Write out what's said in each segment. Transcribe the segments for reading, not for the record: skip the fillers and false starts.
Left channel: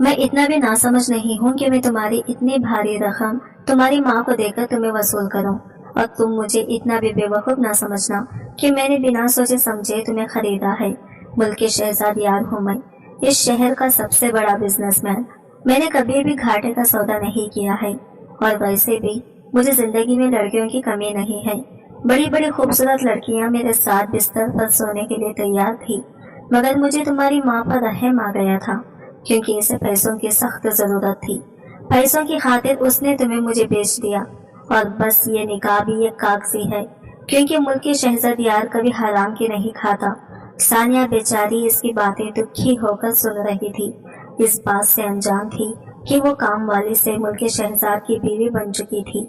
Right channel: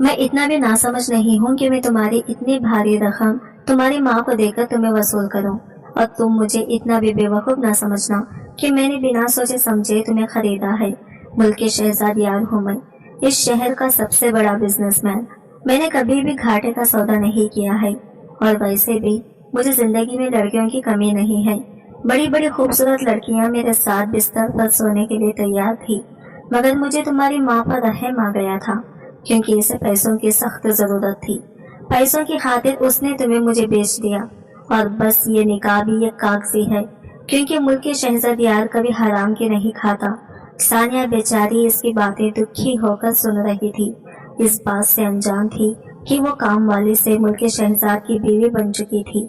मैं इतना भी नासमझ नहीं हूँ कि मैं तुम्हारी इतनी भारी रकम तुम्हारी माँ को देकर तुम्हें वसूल करूँ, और तुम मुझे इतना भी बेवकूफ़ ना समझना कि मैंने बिना सोचे समझे तुम्हें खरीदा है। मुल्क के शहजादियार हूँ मैं, इस शहर का सबसे बड़ा बिजनेसमैन। मैंने कभी भी घाटे का सौदा नहीं किया है, और वैसे भी मुझे जिंदगी में लड़कियों की कमी नहीं है। बड़ी बड़ी खूबसूरत लड़कियां मेरे साथ बिस्तर पर सोने के लिए तैयार थी, मगर मुझे तुम्हारी माँ पर रहम आ गया था, क्योंकि इसे पैसों की सख्त जरूरत थी। पैसों की खातिर उसने तुम्हें मुझे बेच दिया, और बस ये निकाह भी एक कागजी है, क्योंकि मुल्क के शहजादियार कभी हराम की नहीं खाता। सानिया बेचारी इसकी बातें दुखी होकर सुन रही थी। इस बात से अनजान थी कि वो काम वाली से मुल्क के शहजाद की बीवी बन चुकी थी।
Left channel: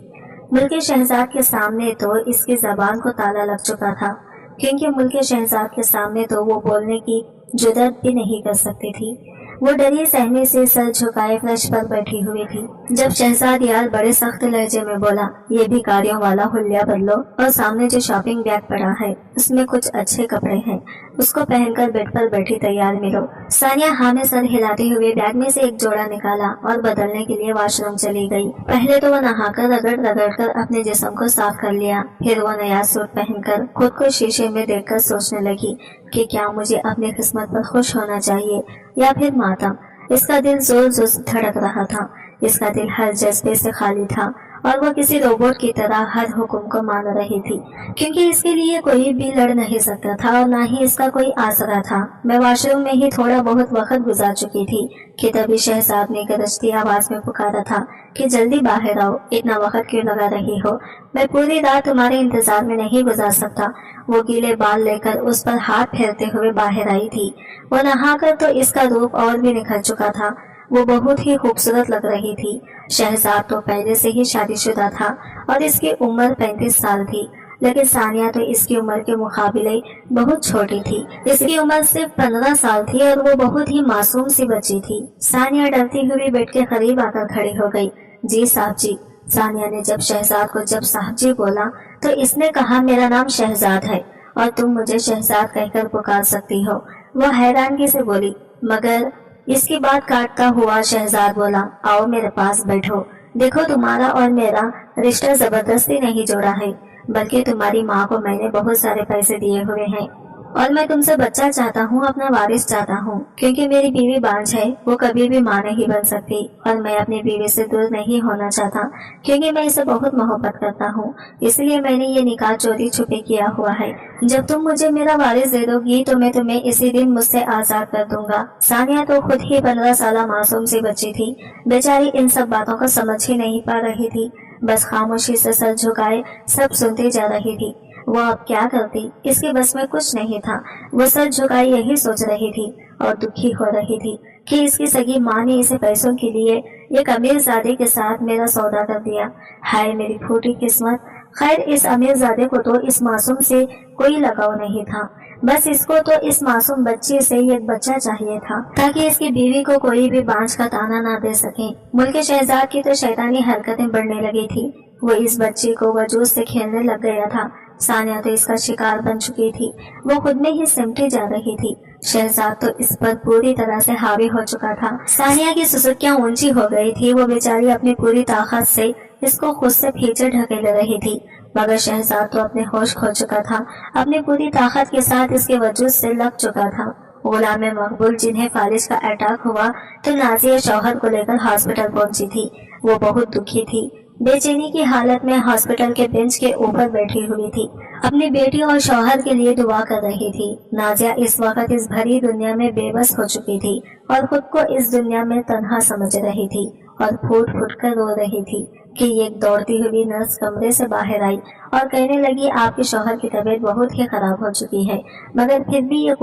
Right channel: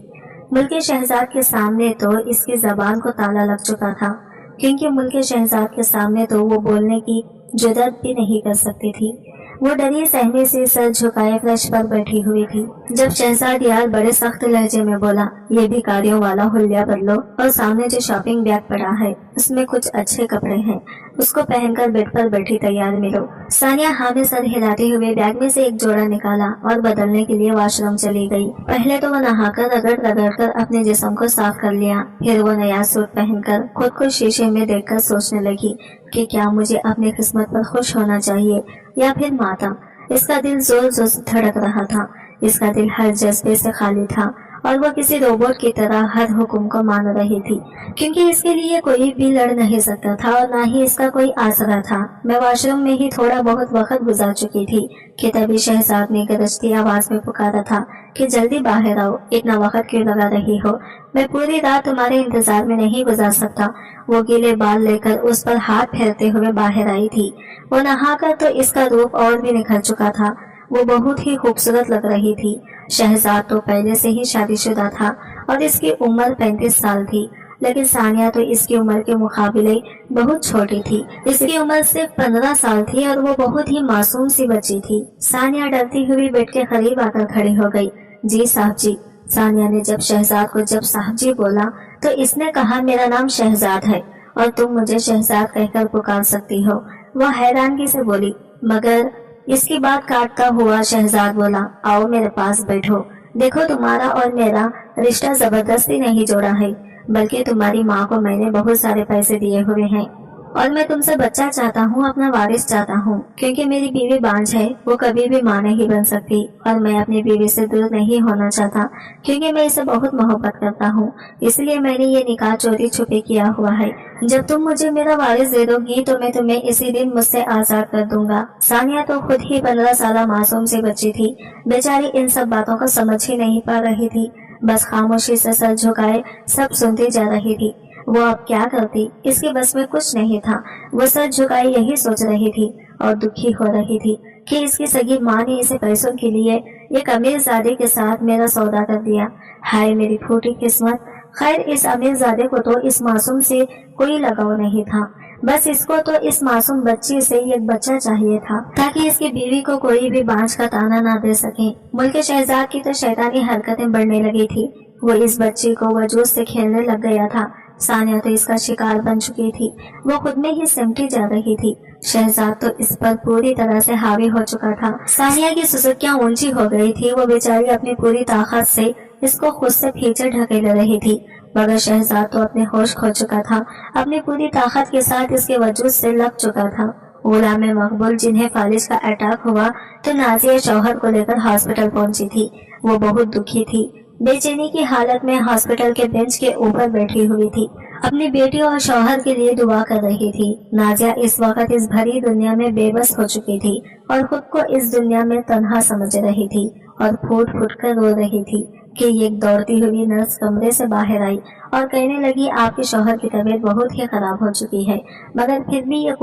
मुल्क के शहजाद के सामने तो इसकी जबान को ताला लग चुका था, क्योंकि मुल्क के शहजाद के सामने तो वो बोलने की जुर्रत भी नहीं कर सकती थी। वो डरी सहमे से सर झुकाए फर्श पर बैठी हुई थी। जब शहजाद यार बड़े सख्त लहजे में बोला, ये भिखारियों वाला हुलिया बदलो, और सामने जो शॉपिंग बैग पड़ा है उसमें कुछ अच्छे कपड़े हैं, उसको पहनकर बेड पर बैठी तैयार मिलो। सानिया हाँ में सर हिलाते हुए बैग में से एक जोड़ा निकाला और बदलने के लिए वॉशरूम चली गई। पहले तो वो नहाकर रगड़ रगड़ कर अपने जिस्म को साफ कर लिया, फिर वो नया सूट पहनकर खुद को शीशे में देखकर सोचने लगी कि क्या मुझे अपनी किस्मत पर खुश होना चाहिए या फिर मातम। इसका दिल जोर जोर से धड़क रहा था। इसका दिल हर जज्बे से खाली था, और वो किसी रोबोट की तरह हर हुक्म को मान रही थी, क्योंकि इसके लिए कोई भी लड़ नहीं सकता था और ना ही इसका कोई आसरा था। मैं वॉशरूम में ही थोड़ा बहुत वक्त गुजार चुकी थी कि तभी शहजाद ने गरजती आवाज में पुकारा था कि जल्दी बाहर आओ, इतना वक्त क्यों लगा रही हो? मैं पूरी रात तुम्हारे इंतजार में नहीं गुजार सकता। वो गीले बाल लेकर उस पर हाथ फेरते हुए बाहर आई थी। वो नहाकर तो इसका रूप और भी निखर चुका था। वो बहुत ही खूबसूरत लग रही थी। शहजाद तो पहले से ही शादीशुदा था और इसकी उम्र 35 साल थी, लेकिन सानिया तो इसकी उम्र के मुकाबले बहुत छोटी थी। इसकी उम्र सिर्फ 15 साल थी और वो बहुत ही मासूम सी बच्ची थी। सानिया डरती हुई बेड के करीब आकर खड़ी हो गई। जी साहब जी। सानिया ने जब शहजाद को जब साहब जी बोला तो इसने कहा, मेरा नाम शहजाद है और तुम मुझे शहजाद कहकर पुकार सकती हो। वो हैरानगी से बोली, मगर इसकी बात काटता हुआ शहजाद बोला, आओ मेरे पास बैठो। देखो, तुम्हारा और मेरा रिश्ता जबरदस्ती नहीं जोड़ा है, बल्कि तुम्हारी माँ को मैंने बहुत सारे पैसे दिए हुए हैं और मैं तुमसे बच्चा चाहता हूँ, अपना वारिस चाहता हूँ, क्योंकि मेरी बीवी बांझ है, वो कभी भी माँ नहीं बन सकती और मैं अपनी बीवी से दूर नहीं होना चाहता, क्योंकि मैं इसे बहुत मोहब्बत करता हूँ। इसलिए मैंने ये निकाह चोरी छुपे किया हुआ है। जब तुम मुझे मेरा वारिस दे दोगी तो मैं तुम्हें इसी दिन मुझसे आजाद कर दूंगा। सानिया तो खुद ही 15 साल मासूम सी बच्ची थी। बेचारी इन सब बातों को समझ ही नहीं पा रही थी, बस खामोशी से सर झुकाए सब सुनती जा रही थी। वो अब क्या करती, इसके बस में कुछ नहीं था। वो सर झुकाए यही सोच रही थी और दुखी हो रही थी कि इसकी सगी माँ ने इसे पैसों के लिए एक अमीरजादे के साथ मेरा सौदा कर दिया। हाय मेरी फूटी किस्मत। खैर, इस अमीरजादे को तो इस मासूम से कोई लगाव नहीं था, बस इसको तो इस मासूम बच्ची से एक बच्चा चाहिए था, ताकि इसकी बीवी को कोई भी बांझ का ताना ना दे सके। मुल्क के शहजाद की तो शैतानी हरकतें बढ़ने लगी थी। वो इस बच्ची को वजूद से खेलने लग गया था। सानिया तो इसका शिकार बन चुकी थी। वो खुद में ही सिमटी जा रही थी। शहजाद तो इस पर पूरी तरह से हावी हो चुका था। सानिया की सुसुकियां ऊंची हो गई थी। वो बेचारी अपनी पूरी ताकत से इसको खुद से पीछे ढकेल रही थी, मगर शहजाद तो अपने होश खो चुका था। अपनी पूरी ताकत के साथ इसके वजूद से लग चुका था। गुलाम मकबूल जिन्हें फालिज का अटैक हुआ तो नाजिया शौहर को लेकर हॉस्पिटल पहुंची थी। वो बहुत दुखी थी, बेचैनी की हालत में हॉस्पिटल के बेंच के ऊपर बैठी हुई थी। अपनी बेटी और शौहर के लिए दुआ कर रही थी। नाजिया इस वक्त इस भरी दुनिया में बेबस हो चुकी थी और खुद को इस दुनिया में तन्हा समझ रही थी और फूट फूट कर रो रही थी कि एक दौड़ती हुई नर्स कमरे से बाहर आई और कहने लगी, आपके शौहर की तबीयत बहुत ही खराब हो चुकी है, मगर फिर भी एक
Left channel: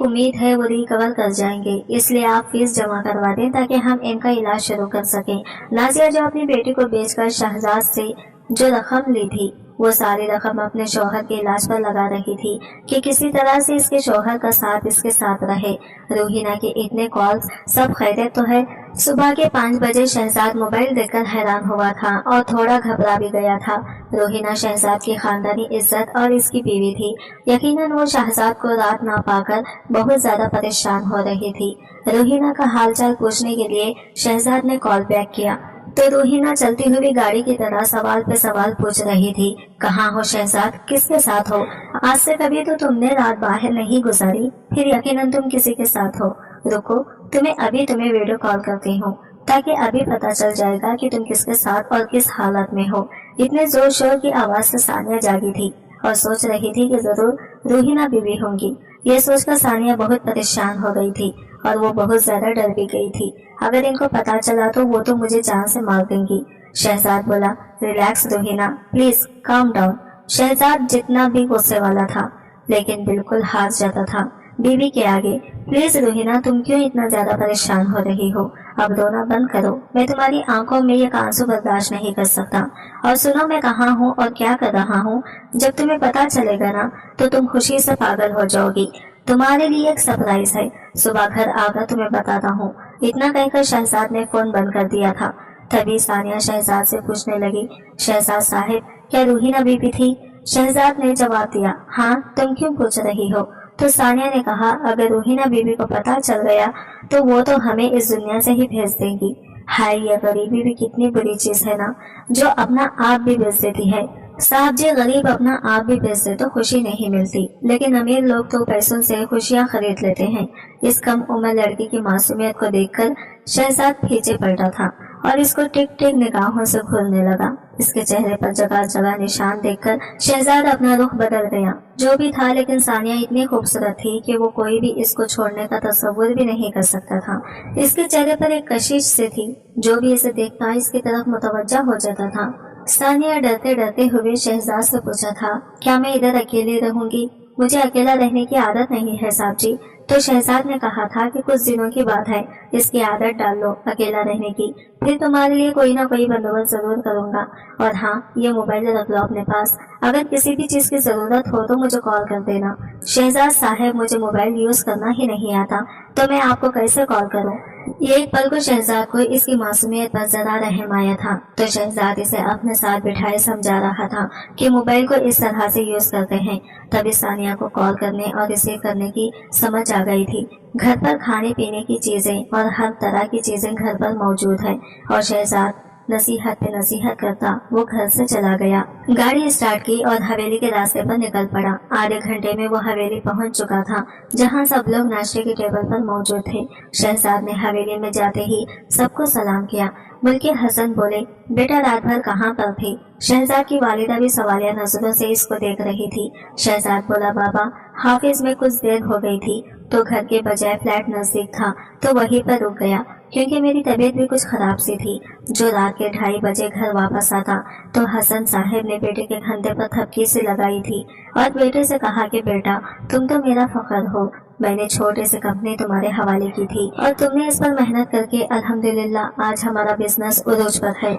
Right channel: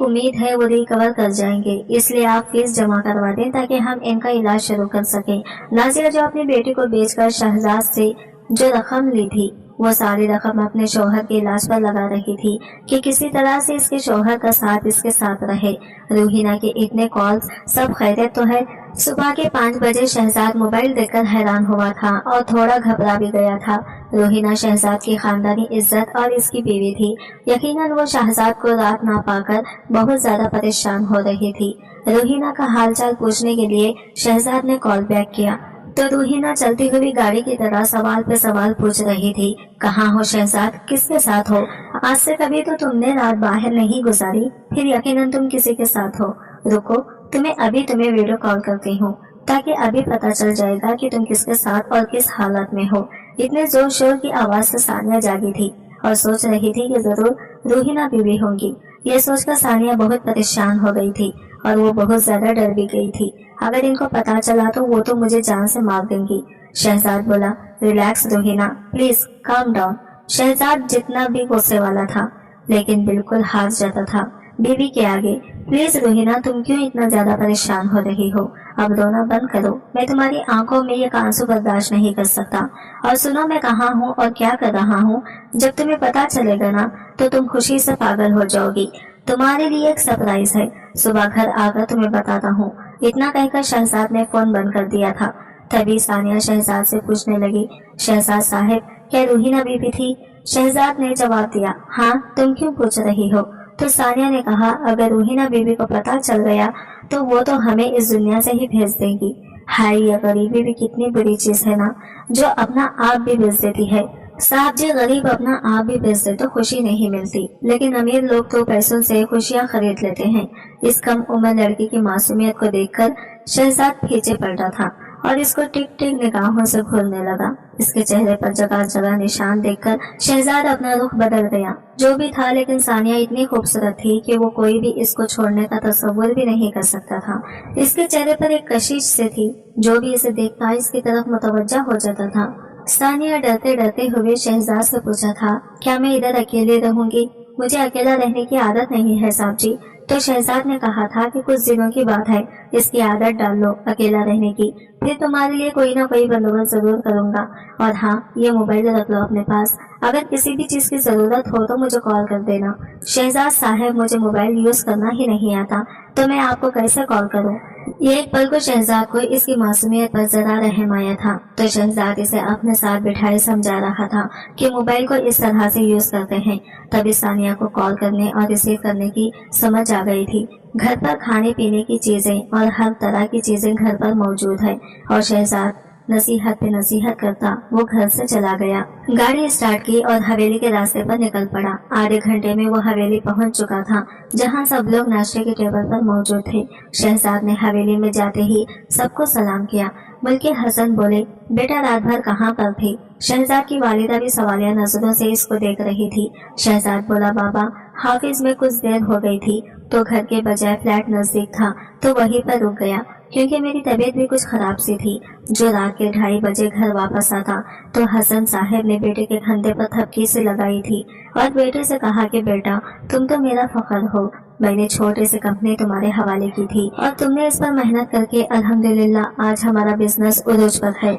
उम्मीद है वो रिकवर कर जाएंगे, इसलिए आप फीस जमा करवा दें ताकि हम इनका इलाज शुरू कर सकें। नाजिया जो अपनी बेटी को बेचकर शहजाद से जो रकम ली थी وہ ساری رقم اپنے شوہر کے علاج پر لگا رہی تھی کہ کسی طرح سے اس کے شوہر کا ساتھ اس کے ساتھ رہے۔ روحینہ کے اتنے کالز، سب خیریت تو ہے؟ صبح کے 5 بجے شہزاد موبائل دیکھ کر حیران ہوا تھا اور تھوڑا گھبرا بھی گیا تھا۔ روحینہ شہزاد کی خاندانی عزت اور اس کی بیوی تھی۔ یقیناً وہ شہزاد کو رات نہ پا کر بہت زیادہ پریشان ہو رہی تھی۔ روحینہ کا حال چال پوچھنے کے لیے شہزاد نے کال بیک کیا تو روحینہ چلتی ہوئی گاڑی کی طرح سوال پہ سوال پوچھ رہی تھی۔ کہاں ہو شہزاد؟ کس کے ساتھ ہو؟ آج سے کبھی تو تم نے رات باہر نہیں گزاری، پھر یقیناً تم کسی کے ساتھ ہو۔ رکو، تمہیں ویڈیو کال کرتی ہوں تاکہ ابھی پتہ چل جائے گا کہ تم کس کے ساتھ اور کس حالت میں ہو۔ اتنے زور شور کی آواز سے ثانیہ جاگی تھی اور سوچ رہی تھی کہ ضرور روحینہ بیوی ہوں گی۔ یہ سوچ کر ثانیہ بہت پریشان ہو گئی تھی اور وہ بہت زیادہ ڈر بھی گئی تھی۔ اگر ان کو پتا چلا تو وہ تو مجھے جان سے مار دیں گی۔ شہزاد بولا، relax Rohina, please calm down. Shahzad جتنا بھی غصے والا تھا لیکن بالکل ہار جاتا تھا بیوی کے آگے۔ پلیز روحینہ، تم کیوں اتنا زیادہ پریشان ہو رہی ہو؟ اب رونا بند کرو، میں تمہاری آنکھوں میں یہ آنسو برداشت نہیں کر سکتا۔ اور سنو، میں کہاں ہوں اور کیا کر رہا ہوں۔ جب تمہیں پتا چلے گا نا تو تم خوشی سے پاگل ہو جاؤ گی۔ تمہارے لیے ایک سرپرائز ہے، صبح گھر آ کر تمہیں بتاتا ہوں۔ اتنا کہہ کر شہزاد نے فون بند کر دیا تھا۔ تبھی ثانیہ شہزاد سے پوچھنے لگی، شہزاد صاحب، کیا روحینہ بیوی تھی؟ شہزاد نے جواب دیا، ہاں، تم کیوں پوچھ رہی ہو؟ تو ثانیہ نے کہا، اگر روحینہ بیوی کو پتا چل گیا تو وہ تو ہمیں اس دنیا سے ہی بھیج دیں گی۔ ہائے، یہ غریبی بھی کتنی بری چیز ہے نا، جو اپنا آپ بھی بیچ دیتی ہے۔ صاحب جی، غریب اپنا آپ بھی بیچ دے تو خوشی نہیں ملتی، لیکن امیر لوگ تو پیسوں سے خوشیاں خرید لیتے ہیں۔ اس کم عمر لڑکی کی معصومیت کو دیکھ کر شہزاد پیچھے پلٹا تھا اور اس کو ٹک ٹک نگاہوں سے گھورنے لگا۔ اس کے چہرے پر جگہ جگہ نشان دیکھ کر شہزاد اپنا رخ بدل گیا۔ جو بھی تھا، لیکن ثانیہ اتنی خوبصورت تھی کہ وہ کوئی بھی اس کو چھوڑنے کا تصور بھی نہیں کر سکتا تھا۔ اس کے چہرے پر ایک کشش سے تھی، جو بھی اسے دیکھتا اس کی طرف متوجہ ہو جاتا تھا۔ ثانیہ ڈرتے ڈرتے ہوئے شہزاد سے پوچھا تھا، کیا میں ادھر اکیلے رہوں گی؟ مجھے اکیلا رہنے کی عادت نہیں ہے صاحب جی۔ تو شہزاد نے کہا تھا کہ کچھ دنوں کی بات ہے، اس کی عادت ڈال لو اکیلا رہنے کی، پھر تمہارے لیے کوئی نہ کوئی بندوبست ضرور کروں گا۔ اور ہاں، یہ موبائل رکھ لو اپنے پاس، اگر کسی بھی چیز کی ضرورت ہو تو مجھے کال کر دینا۔ شہزاد صاحب، مجھے موبائل یوز کرنا ہی نہیں آتا تو میں آپ کو کیسے کال کروں؟ یہ ایک پل کو شہزاد کو اس کی معصومیت پر ذرا رحم آیا تھا، تو شہزاد اسے اپنے ساتھ بٹھائے سمجھا رہا تھا کہ موبائل کو اس طرح سے یوز کرتے ہیں۔ تبھی ثانیہ کو کال کرنے اور ریسیو کرنے کی سمجھ آ گئی تھی۔ گھر پر کھانے پینے کی چیزیں اور ہر طرح کی چیزیں گھر پر موجود ہے، اور شہزاد نصیحت پہ نصیحت کرتا وہ گھر سے چلا گیا۔ گاڑی اسٹارٹ کی اور حویلی کے راستے پر نکل پڑا۔ آدھے گھنٹے میں وہ حویلی پہنچ چکا تھا، جہاں سب لوگ ناشتے کی ٹیبل پر موجود تھے۔ شہزاد نے حویلی میں جاتے ہی سب کو سلام کیا۔ ملکہ حسن بولے، بیٹا رات بھر کہاں پر تھی؟ شہزاد کی والدہ بھی سوالیہ نظروں سے اس کو دیکھ رہی تھی۔ شہزاد بولا، بابا، حافظ میں کچھ دیر ہو گئی تھی تو گھر کے بجائے فلیٹ نزدیک تھا تو وہیں پر رک گیا، کیونکہ میری طبیعت بھی کچھ خراب سی تھی۔ جو رات کے 2:30 بجے گھر واپس آتا تو حسن صاحب نے بیٹے کے کندھے پر تھپکی سے لگائی تھی اور بیٹے سے کہا کہ بیٹا، تم تو میرا فخر ہو، میں نے چھوٹے سے کمپنی تمہارے حوالے کی تھی اور تم نے اس پر محنت کر کے الحمدللہ آج ہمارا بزنس عروج پر ہے۔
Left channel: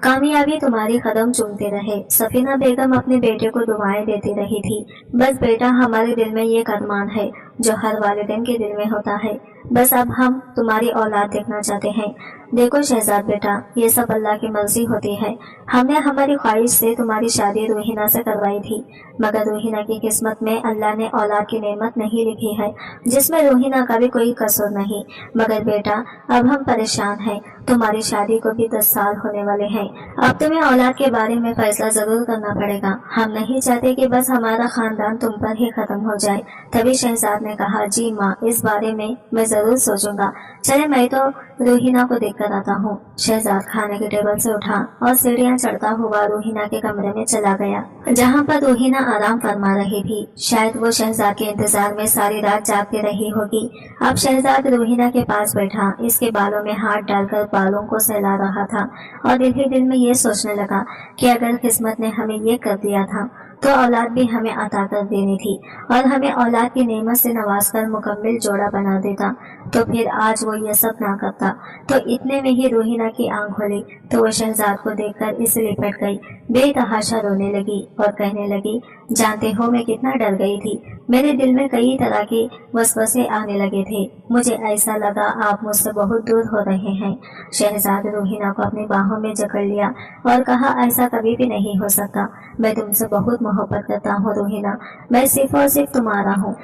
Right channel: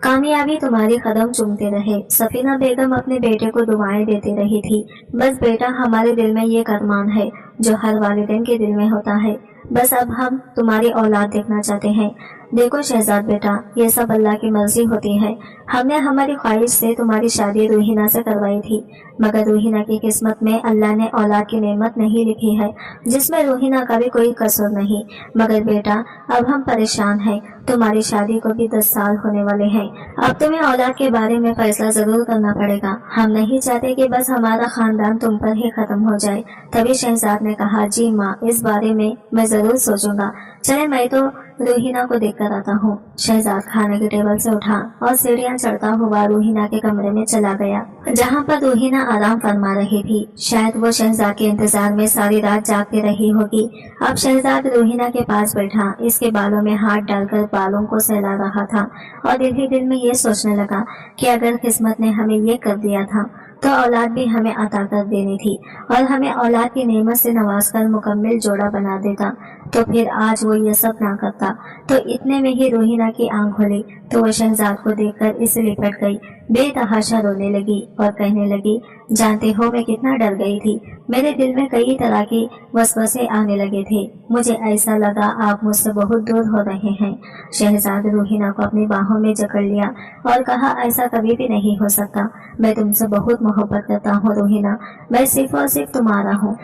کامیابی تمہاری قدم چومتے رہے۔ سفینہ بیگم اپنے بیٹے کو دعائیں دیتی رہی تھی، بس بیٹا، ہمارے دل میں یہ ارمان ہے جو ہر والدین کے دل میں ہوتا ہے، بس اب ہم تمہاری اولاد دیکھنا چاہتے ہیں۔ دیکھو شہزاد بیٹا، یہ سب اللہ کی مرضی ہوتی ہے۔ ہم نے ہماری خواہش سے تمہاری شادی روحینہ سے کروائی تھی، مگر روحینہ کی قسمت میں اللہ نے اولاد کی نعمت نہیں لکھی ہے، جس میں روحینہ کا بھی کوئی قصور نہیں۔ مگر بیٹا، اب ہم پریشان ہیں، تمہاری شادی کو بھی 10 سال ہونے والے ہیں، اب تمہیں اولاد کے بارے میں فیصلہ ضرور کرنا پڑے گا۔ ہم نہیں چاہتے کہ بس ہمارا خاندان تم پر ہی ختم ہو جائے۔ تبھی شہزاد نے کہا، جی ماں، اس بارے میں ضرور سوچوں گا، چلے میں تو روحینہ کو دیکھ کر آتا ہوں۔ شہزاد کھانے کے ٹیبل سے اٹھا اور سیڑھیاں چڑھتا ہوا روحینہ کے کمرے میں چلا گیا، جہاں پر روحینہ آرام فرما رہی تھی۔ شاید وہ شہزاد کے انتظار میں ساری رات جاگتی رہی ہوگی۔ اب شہزاد روحینہ کے پاس بیٹھا اس کے بالوں میں ہاتھ ڈال کر بالوں کو سہلا رہا تھا اور دل ہی دل میں یہ سوچنے لگا کہ اگر قسمت نے ہمیں یہ کر دیا تھا تو اولاد بھی ہمیں عطا کر دینی تھی اور ہمیں اولاد کی نعمت سے نواز کر مکمل جوڑا بنا دیتا۔ तो फिर आज वो ये सब ना करता। तो इतने में ही रूहीना की आंख खुली तो वो शहजाद को देखकर इससे लिपट गई, बेतहाशा रोने लगी और कहने लगी, जानते हो मैं कितना डर गई थी। मेरे दिल में कई तरह के वसवसे आने लगे थे। मुझे ऐसा लगा आप मुझसे बहुत दूर हो रहे हैं। शहजाद रूहीना को अपनी बाहों में जकड़ लिया और कहा, ऐसा कभी भी नहीं हो सकता। मैं तुमसे बहुत मोहब्बत करता हूँ रूहीना, मैं सिर्फ और सिर्फ तुम्हारा हूँ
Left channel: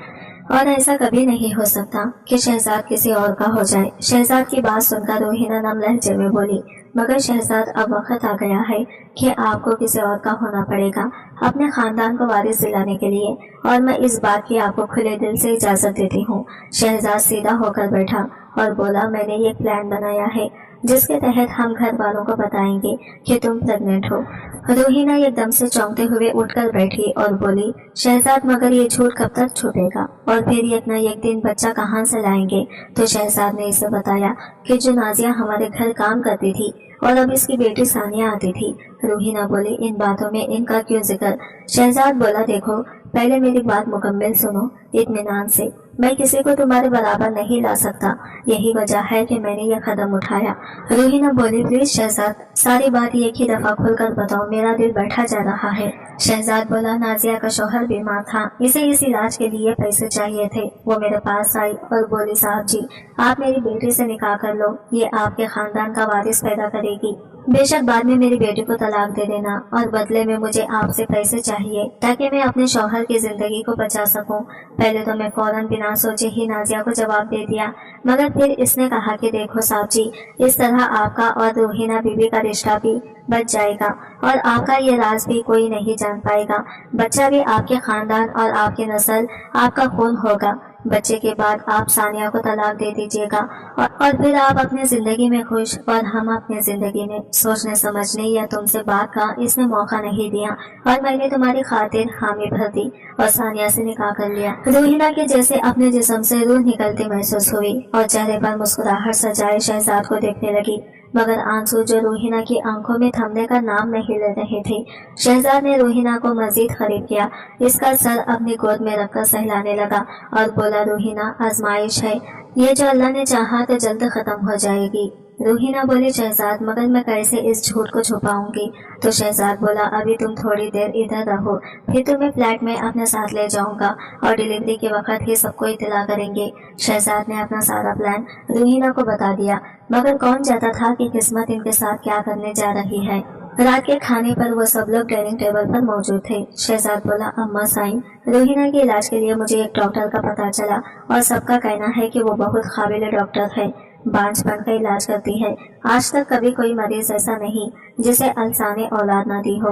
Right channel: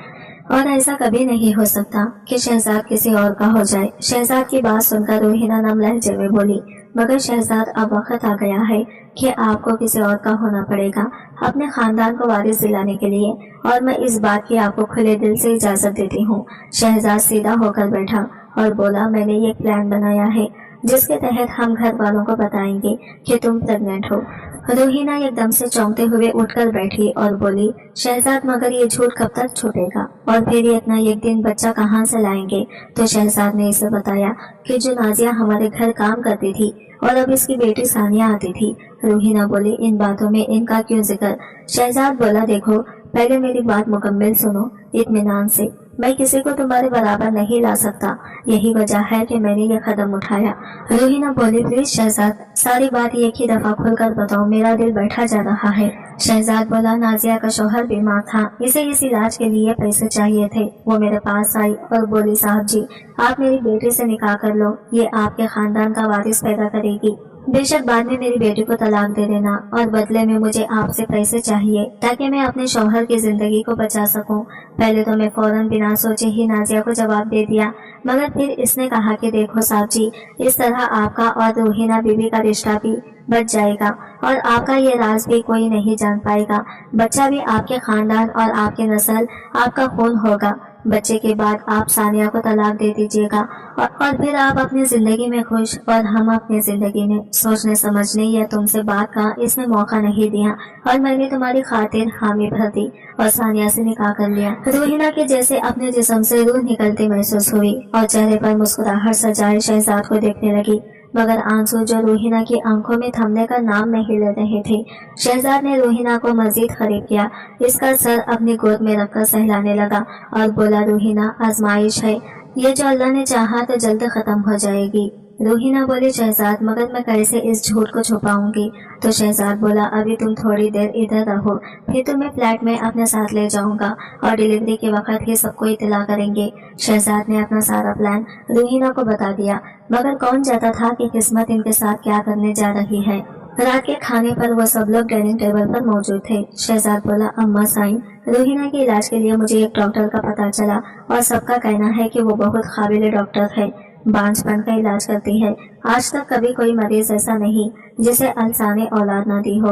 और ऐसा कभी नहीं हो सकता कि शहजाद किसी और का हो जाए। शहजाद की बात सुनकर रूहीना नम लहजे में बोली, मगर शहजाद अब वक्त आ गया है कि आपको किसी और का होना पड़ेगा अपने खानदान को वारिस दिलाने के लिए, और मैं इस बात की आपको खुले दिल से इजाजत देती हूँ। शहजाद सीधा होकर बैठा और बोला, मैंने ये प्लान बनाया है जिसके तहत हम घर वालों को बताएंगे कि तुम प्रेग्नेंट हो। रूहीना एकदम से चौंकते हुए उठकर बैठी और बोली, शहजाद मगर ये झूठ कब तक छुपेगा, और फिर ये इतना एक दिन बच्चा कहाँ से लाएंगे। तो शहजाद ने इसे बताया कि जो नाजिया हमारे घर काम करती थी और अब इसकी बेटी सानिया आती थी। रूहीना बोली, इन बातों में इनका क्यों जिक्र। शहजाद बोला, देखो पहले मेरी बात मुकम्मल सुनो इत्मीनान से। मैं किसी को तुम्हारे बराबर नहीं ला सकता, यही वजह है कि मैंने यह कदम उठाया। रूहीना बोली, प्लीज शहजाद सारी बात एक ही दफा खुलकर बताओ, मेरा दिल बैठा जा रहा है। शहजाद बोला, नाजिया का शौहर बीमार था, इसे इस इलाज के लिए पैसे चाहिए थे। वो मेरे पास आई और बोली, साहब जी आप मेरी बेटी से निकाह कर लो, ये आपके खानदान का वारिस पैदा करेगी। बेशक बाद में मेरी बेटी को तलाक दे देना और बदले में मुझे आपसे पैसे चाहिए ताकि मैं अपने शौहर की जिंदगी को बचा सकूं। पहले तो मैं फौरन बिना सोचे ही नाजिया को जवाब दे दिया, मगर फिर इसने कहा कि देखो साहब जी, इस तरह आपका और रूहीना बीबी का रिश्ता भी बच जाएगा और आपका ये राज भी कोई नहीं जान पाएगा। बच्चा भी आपके खानदान और आपकी नस्ल आपका खून होगा। बच्चे के बाद आप सानिया को तलाक दे दीजिएगा और फिर आप अपनी जिंदगी में खुश और हम अपनी जिंदगी में। सोचने समझने या तुमसे बात का इसने मौका नहीं दिया और मैंने तुम्हारी खातिर हामी भर दी और सानिया से निकाह कर लिया। रूहीना के जैसे अपने जिस्म से रूह निकलती महसूस हुई और चेहरे पर मुस्कुराहट सजाए शहजाद को देखने लगी, मगर आंसू जो रूहीना की आंखों में थमने का नाम नहीं ले रहे थे। शहजाद ने रूहीना को मजीद करीब किया, इसका सर अपनी गोद में रखकर सहलाने लगा और बोला, रूहीना आजमाइश है, ये जो अल्लाह ने चाहा तो जल्द खत्म हो जाएगी। रूहीना बोली, शहजाद मगर मैं कैसे इस झूठ को छुपाऊंगी। तो शहजाद बोला, अभी तुम थोड़ी देर इधर रहो, फिर तुम्हें फ्लैट में अपने साथ ले जाऊंगा और डिलीवरी के वक्त ही सबको इत्तला करेंगे। शहजाद ने अपना सारा प्लान रूहीना को बता दिया, मगर कौन जाता था कि किस्मत इनके साथ क्या करने जा रही है। रात के खाने पर वो सब लोग डाइनिंग टेबल पर मौजूद थे। शहजाद बोला, अम्मा साईं, रूहीना के इलाज के लिए मुझे एक डॉक्टर का पता चला और सबका कहना है कि वो बहुत काबिल डॉक्टर है, बांझपन का इलाज करती है। आज तक कभी कोई मरीज ऐसा नहीं जिसे अल्लाह ने औलाद ना दी हो।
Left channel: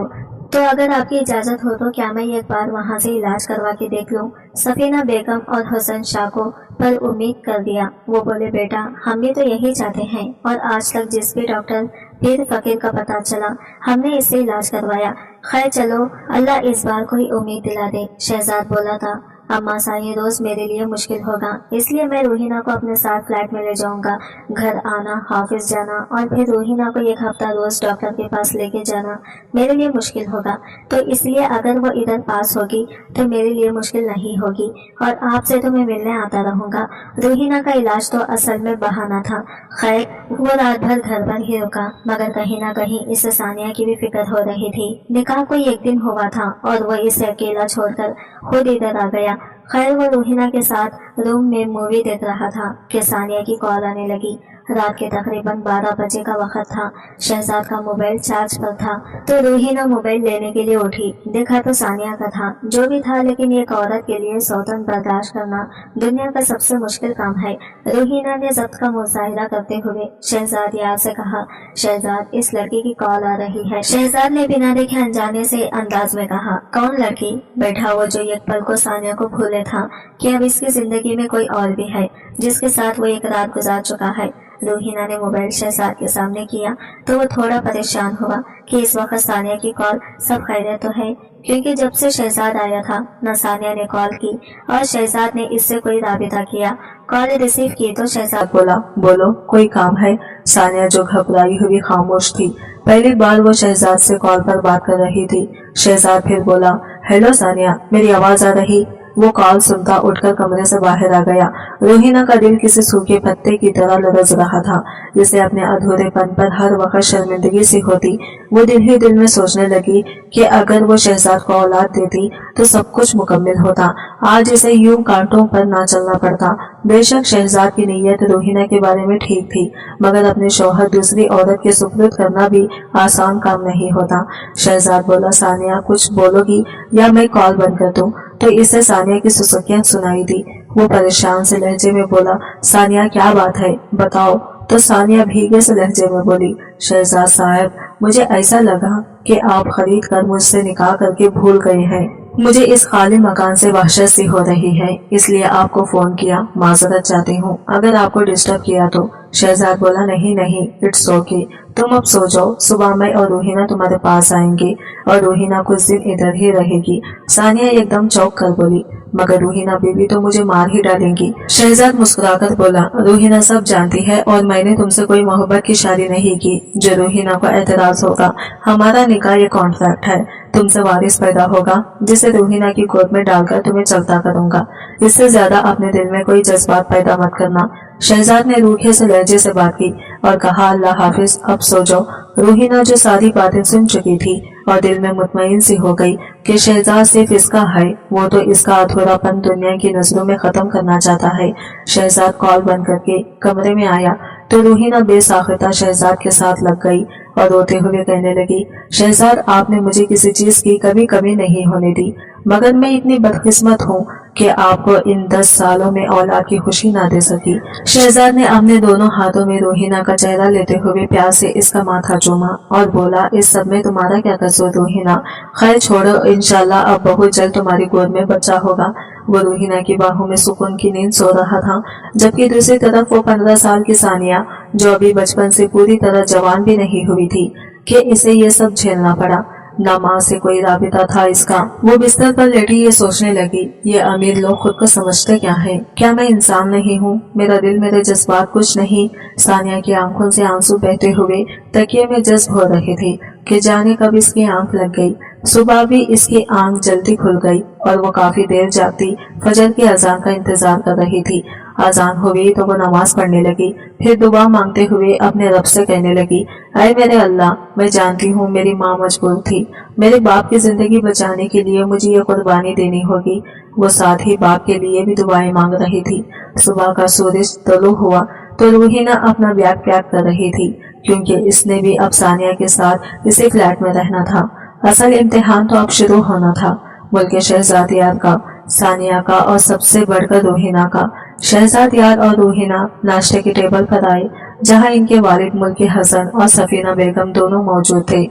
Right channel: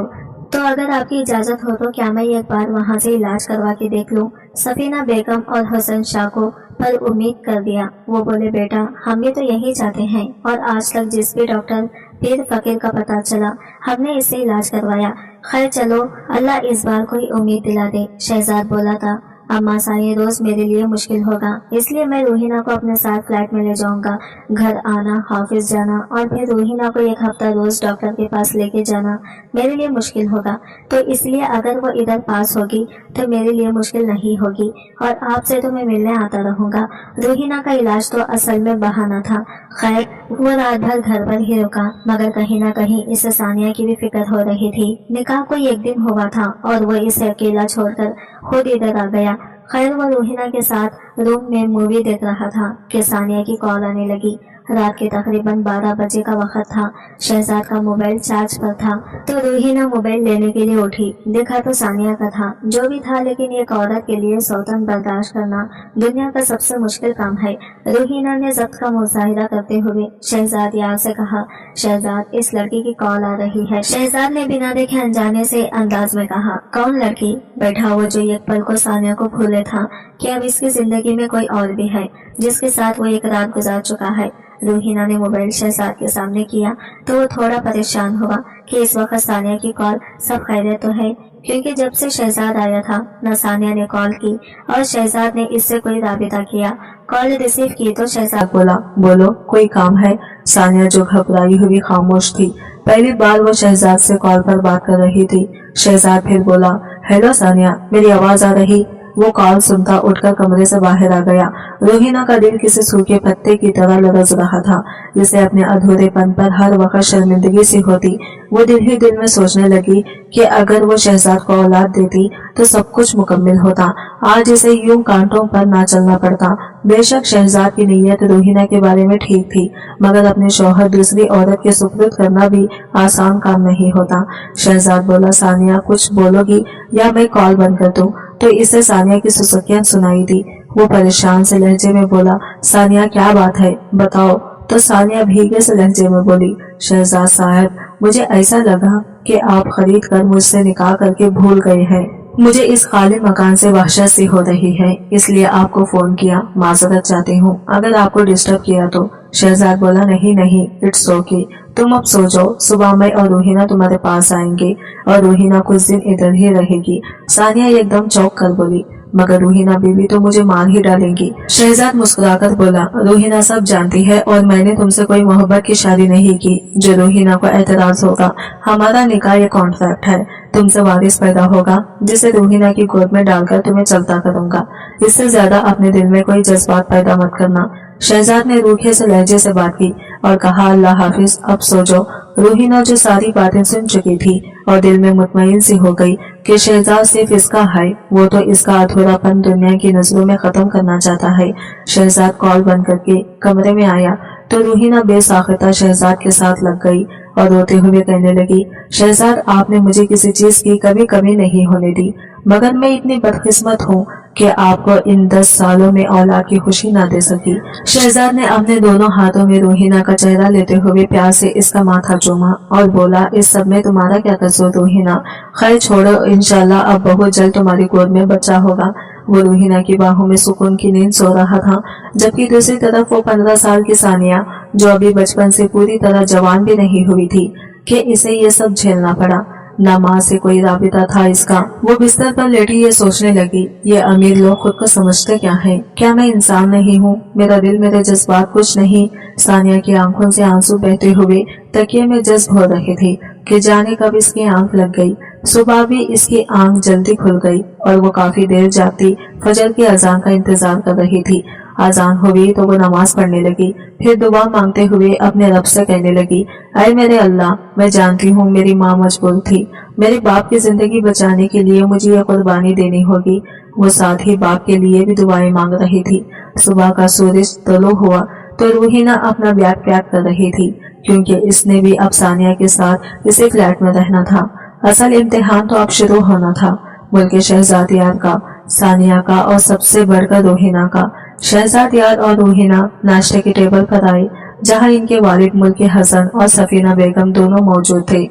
तो अगर आपकी इजाजत हो तो क्या मैं एक बार वहाँ से इलाज करवा के देख लूँ। सफीना बेगम और हसन शाह को पर उम्मीद कर दिया। वो बोले, बेटा हम भी तो यही चाहते हैं और आज तक जिस भी डॉक्टर पीर फकीर का पता चला हमने इससे इलाज करवाया। खैर चलो अल्लाह इस बार कोई उम्मीद दिला दे। शहजाद बोला था, अम्मा साईं रोज मेरे लिए मुश्किल होगा, इसलिए मैं रूहीना को अपने साथ फ्लैट में ले जाऊंगा। घर आना, ऑफिस जाना और फिर रूहीना को एक हफ्ता रोज डॉक्टर के पास लेके जाना मेरे लिए मुश्किल होगा, तो इसलिए अगर वो इधर पास होगी तो मेरे लिए मुश्किल नहीं होगी और आपसे तो मैं मिलने आता रहूंगा। रूहीना का इलाज तो असल में बहाना था। खैर वो रात भर घर पर ही रुका, मगर कहीं ना कहीं इसे सानिया की भी फिक्र हो रही थी। निकाह कोई एक दिन हुआ था और वो इसे अकेला छोड़कर खुद इधर आ गया। खैर वो रूहीना के साथ रूम में मूवी देख रहा था कि सानिया की कॉल आने लगी। रात के तकरीबन 12 बजे का वक्त था। शहजाद का मोबाइल चार्ज पर था तो रूहीना मोबाइल लेने के लिए उठी। देखा तो सानिया का था। जो भी था, लेकिन एक औरत के लिए सौतन बर्दाश्त करना दुनिया का सबसे मुश्किल काम है। रूहीना ने जब्त का मुजाहिरा करते हुए शहजाद यार से कहा, शहजाद इस लड़की की कॉल आ रही है। शहजाद ने बिना देखे अनजाने से अंदाज में कहा, कौन लड़की? बैठा वो जो एक पल को सानिया को भूले था कि अब इसकी जिंदगी में कोई और भी है जिसके साथ वो एक रात गुजार चुका है। रूहीना ने मोबाइल शहजाद के सामने किया तो वो थोड़ा परेशान हुआ कि इस वक्त सानिया की कॉल सब खैरियत तो है, क्योंकि जब से शहजाद आया था न सानिया ने कॉल की और शहजाद ने इससे कोई राबिता किया। कॉल रिसीव की तो शहजाद बोला, बोलो कोई काम है? सानिया जो घबराई हुई खामोश थी। पहली बार वो शहजाद से कॉल पर बात कर रही थी। शहजाद फिर बोला, हेलो सानिया, मेरी आवाज आ रही? वो कॉल सुनता उठकर कमरे से बाहर आ गया। रोहिना का दिल किसी सूखे पत्ते की तरह लरज रहा था, जिसे अपने अधूरेपन पर हर वक्त शर्मिंदगी सी होती। वो दिल ही दिल में सोचने लगी कि अगर वो शहजाद को औलाद देती तो सब कुछ मुकम्मल होता, आज इसे यूं कांटों पर ना चलना पड़ता। बेशक शहजाद की नीयत रोहिना के बारे में ठीक थी, मगर अपने शौहर दूसरी औरत के सुपुर्द करना भी आसान काम नहीं होता। शहजाद बोला, सानिया कुछ बोलोगी या मैं कॉल बंद कर दूं? तो इसे सानिया की सुसुकियां सुनाई दी। वो परेशान से लहजे में बोला, सानिया क्या बात है, बताओ। तो सानिया भीगे से लहजे में बोली, शहजाद साहब, मुझे ऐसा लगा कि आप खरीद कर मुझसे निकाह करके भूल गए हैं। मुझे इस खाली मकान से वहशत सी हो रही है, इसलिए आपको फोन किया। माजरत चाहती हूँ अगर आपको डिस्टर्ब किया तो। शहजाद बोला, नहीं नहीं, इट्स ओके, तुम अब सो जाओ, सुबह मैं और रोहिना तुम्हारे पास आएंगे और रोहिना कुछ दिन इधर ही रहेगी। सानिया एकदम चौंक कर बोली, मगर रोहिना बीवी तो मुझे मार ही डालेंगी। शहजाद मुस्कुराकर बोला, रोहिना सब जानती है और मैंने तुमसे कोई मोहब्बत की शादी नहीं की जो रोहिना को एतराज होगा। हमारा निकाह ये कॉन्ट्रैक्ट है, तुमसे वारिस पैदा होगा जिसे रोहिना की गोद में डालकर तुम्हें चलता करूंगा। इससे ज्यादा अपने दिल में कोई जज्बात पैदा मत करना। शहजाद ने रूखे से लहजे से बात की और कहा, अल्लाह हाफिज, अब सो जाओ। रोहिना जो सारी बातें सुन चुकी थी और दिल में मुतमईन सी हो गई कि शहजाद सिर्फ इसका है, वो तो इसका अधूरापन दुनिया की नजरों में खत्म करना चाहता है। शहजाद कॉल बंद करके कमरे में आया तो रोहिना बेसाख्ता शहजाद के साथ लग गई और रोते हुए कहने लगी, शहजाद आपने मुझे किसी चीज की कभी कमी नहीं होने दी, मगर मैं इतनी बदकिस्मत हूँ कि आपको इन 10 सालों में औलाद की खुशी ना दे सकी। शहजाद ने अपने दोनों हाथों में रोहिना का चेहरा लेते हुए प्यार से इसका माथा चूमा और बोला, इस सब में तुम्हारा क्या कसूर रोहिना? खैर छोड़ो, इंशाल्लाह अब बहुत जल्द तुम्हारी गोद में बच्चा होगा। वो रोहिना की बाहों में सुकून की नींद सो रहा था, जबकि दूसरी तरफ वो 15 साल की सानिया, जो अभी बचपन से पूरी तरह जवान भी नहीं हुई थी, कि इसे ये सब झेलना पड़ा। न माँ से कोई राबिता था इसका। वो बिस्तर पर लेटी ये सोचने लगी, ये अमीर लोग खुद को समझते क्या है? क्या मैं इंसान नहीं हूँ? मेरा दिल, मेरे जज्बात कुछ नहीं? सानिया की आंखों से आंसू बहते हुए तकिए में जज्ब हो रहे थे कि जाने कब इसकी आंख लग गई। सुबह भी इसकी आंख जल्दी खुल गई और वो काफी देर जागती फजर की अजान का इंतजार कर रही थी। अजान हुई तो वो नमाज पढ़ने लगी, फिर दुआ मांगते हुए अपने रब से कहने लगी, ऐ मेरे अल्लाह, मैं जानती हूँ मेरी माँ मजबूर थी, मेरे बाप की जिंदगी बचाने के लिए मुझे ये कुर्बानी देनी होगी। वो साथ ही बाप के लिए भी दुआएं मांग रही थी। सुबह का सूरज तुलू हुआ तो रोहिना अपना बैग पैक कर रही थी, क्योंकि इसने भी अब सानिया के साथ इसी फ्लैट में रहना था। असल इम्तिहान तो अब शुरू होना था, मुल्क शहजाद यार का, सानिया का और सबसे बढ़कर रोहिना का। शहजाद यार और रोहिना नाश्ते की टेबल पर आए, जहां इनके वालिद मुल्क हसन और सफीना बेगम दोनों मौजूद थे।